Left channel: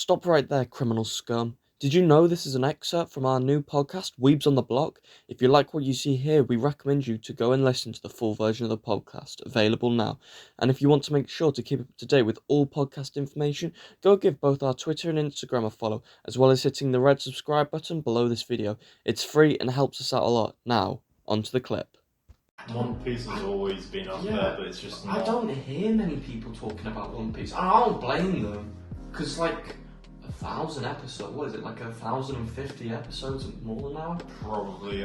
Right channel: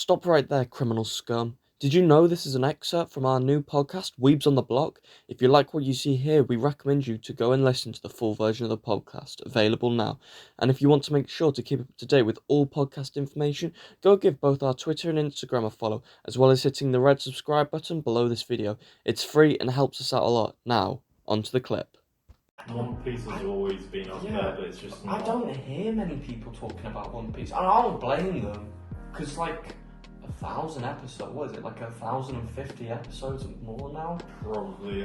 Stop right there, criminal scum. Did you know this is an excerpt from our new podcast, Weebs on the Block? If you like what you see here, we recommend you to go and listen to the full version of the podcast, available now. And if you want to make sure to keep up to date with all podcast information, go give both our Twitter and Instagram a follow, as well as hitting the red subscribe button below this video. It's free and helps us out a lot. Now, onto the clip. One Piece has always been up there, but it's just not. I don't hear many people talking about One Piece, and I don't blame them, because, 1,000 episodes, what is it, 1,050 episodes and more now? Probably,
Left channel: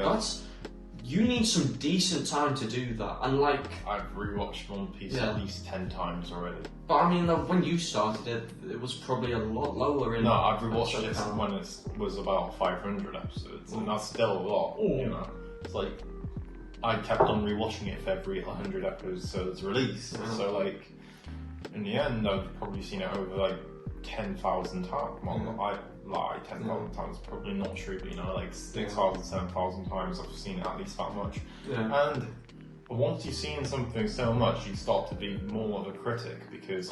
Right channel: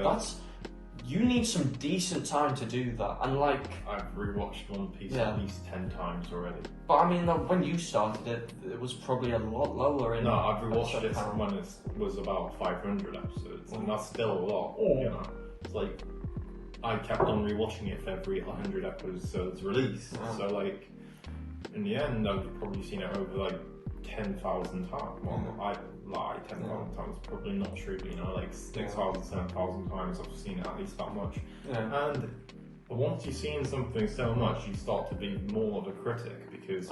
you need some decent time to do that, and I've rewatched One Piece at least 10 times already. But I mean, when you started it, it was probably a lot lower in... No, I've rewatched it when it was about 500 episodes, and that's still a lot, you know? It's I kept on rewatching it for every 100 episodes released, so in the end I've probably seen it over 10,000 times. Well, I 10,000 times, probably not true, but 6,000, 7,000 times I've seen it at least that much. Yeah. And once you've seen something so much, you start to be more of a critic, because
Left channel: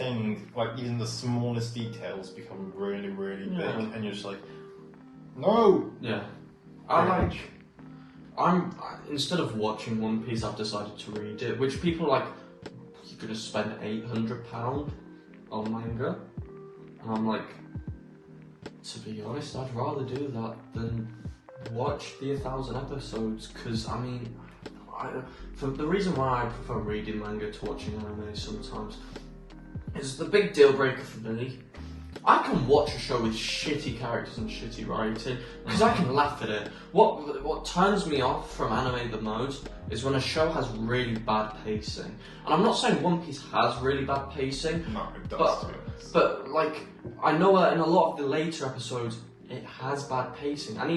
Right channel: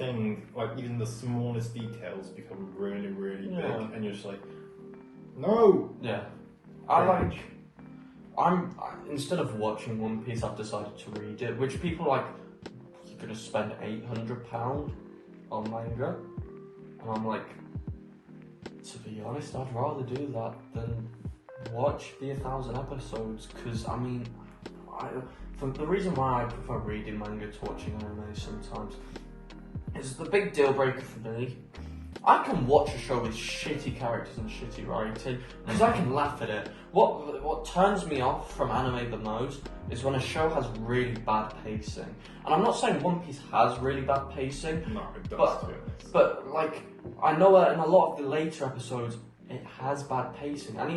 even the smallest details become really, really big, and you're just no! Yeah. Instead of watching One Piece, I've decided to read it, which people you're gonna spend £800 on manga, and I'm to be honest, I'd rather do that than watch the 1,000 episodes, because the reason why I prefer reading manga to watching anime sometimes is the big deal breaker for me. I can watch a show with shitty characters and shitty writing because I can laugh at it. What turns me off from anime the most is when a show has really bad pacing. And I'm not saying One Piece has really bad pacing. No, it does. But I know that in a lot of the later episodes it has bad pacing. And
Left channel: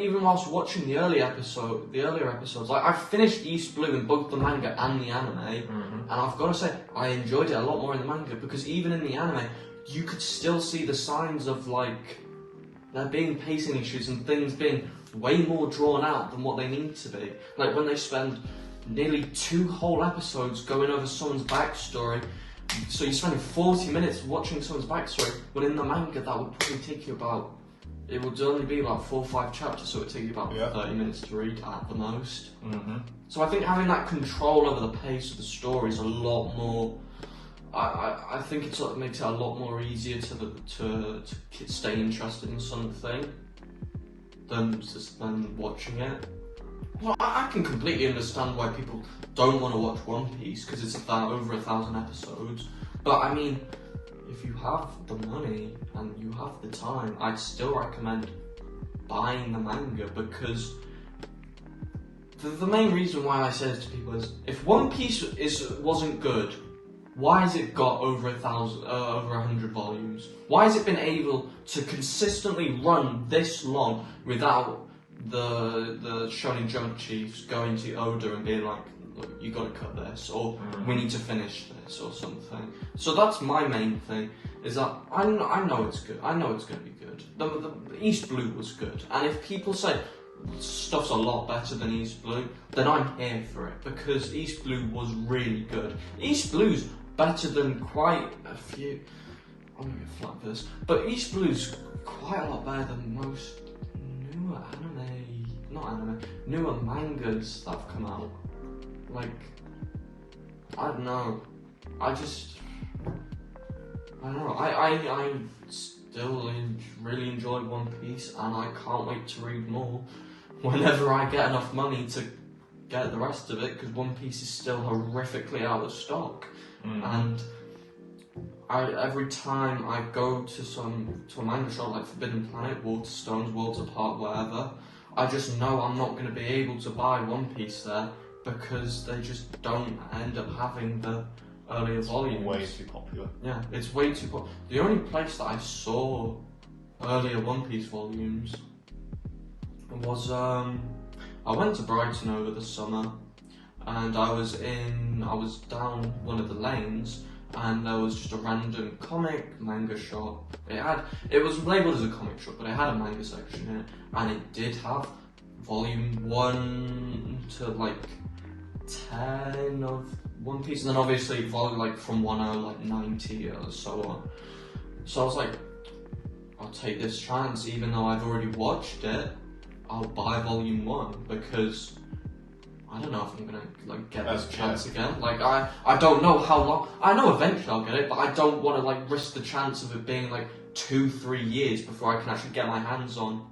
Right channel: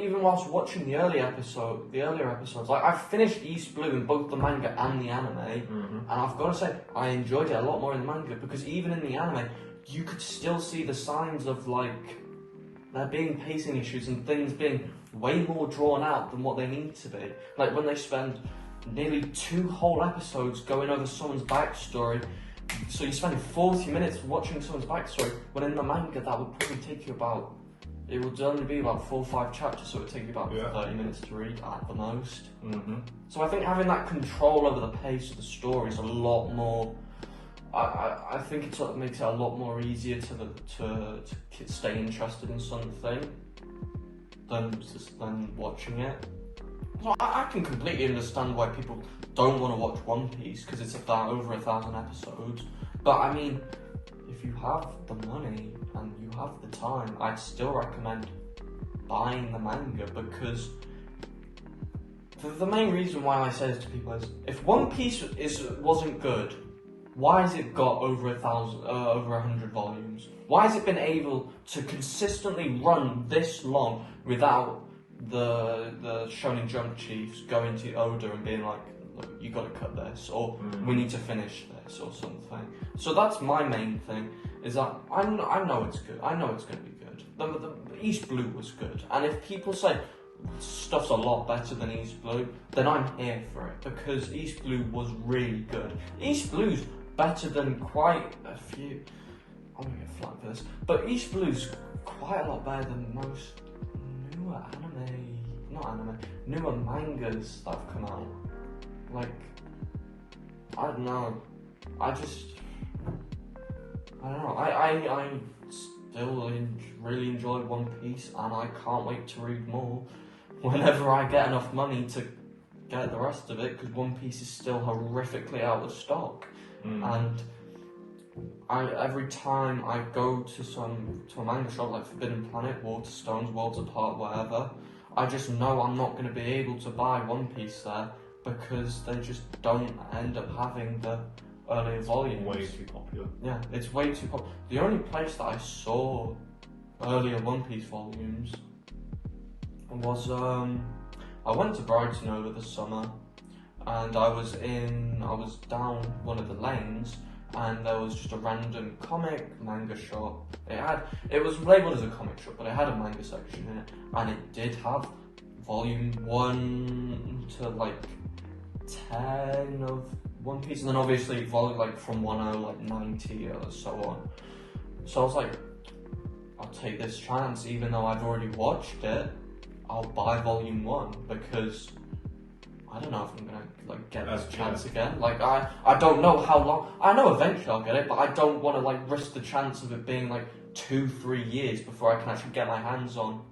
even whilst watching the earlier episodes, I finished East Blue in both the manga and the anime, and I've got to say I enjoyed it a lot more in the manga, because even in the anime you could still see the signs of there being pacing issues and things being way more drawn out than what they need to be. When they spend nearly 2 whole episodes going over someone's backstory, so you're spending 40 minutes watching someone's backstory, when in the manga that would probably take you it would only be about 4 or 5 chapters, so it would take you about 30 minutes to read at the most. So I think having that control over the pace of the story is a lot more... I think it makes it a lot more easier to stay interested in something than watching it. Well, I can completely understand why people don't want to watch One Piece, because it's over 1,000 episodes. But if you have the money and you have the time, I'd still recommend buying the manga, because the main reason why I say this to people is, if One Piece wasn't good, why has it got over 100 volumes? Why has it been able to consistently run this long without the Shonen Jump chiefs going to Oda and being like, look, you gotta cut this, or we need to finish this, or something? So that's my main thing, is that I know it's good. I know it's gonna be good. The East Blue was good, and if people say stuff's a lot better than East Blue, then I'm here for it, because East Blue was really good. East Blue's better than quite a few... I'm gonna get flat this, but East Blue's quite a lot better than most newer mangas that have come out. I don't know. I don't know. I still really enjoy One Piece, and I can't wait to read more whenever I get enough money to get the rest of it, because One Piece is still horrifically out of stock. And every time I go to a manga shop like Forbidden Planet, Waterstones, Worlds Apart, whatever, I just know I'm not going to be able to buy One Piece there, because they just don't end up having the earlier volumes. Way too popular. Yeah, it's way too popular. The only place that I saw earlier One Piece volumes was I went to Brighton over the summer, and I was down one of the lanes, and there was just a random manga shop. It was labelled as a comic shop, but it had a manga section in it, and it did have volume 1 to 10 of One Piece, and then obviously from 10 90 or so on. So I was like, I'll take this chance, even though I've already watched it. I'll buy Volume 1 because I don't know if I'm gonna like get this chance again. Like I don't know how long. I know eventually I'll get it, but I don't want to like risk the chance of it being like 2-3 years before I can actually get my hands on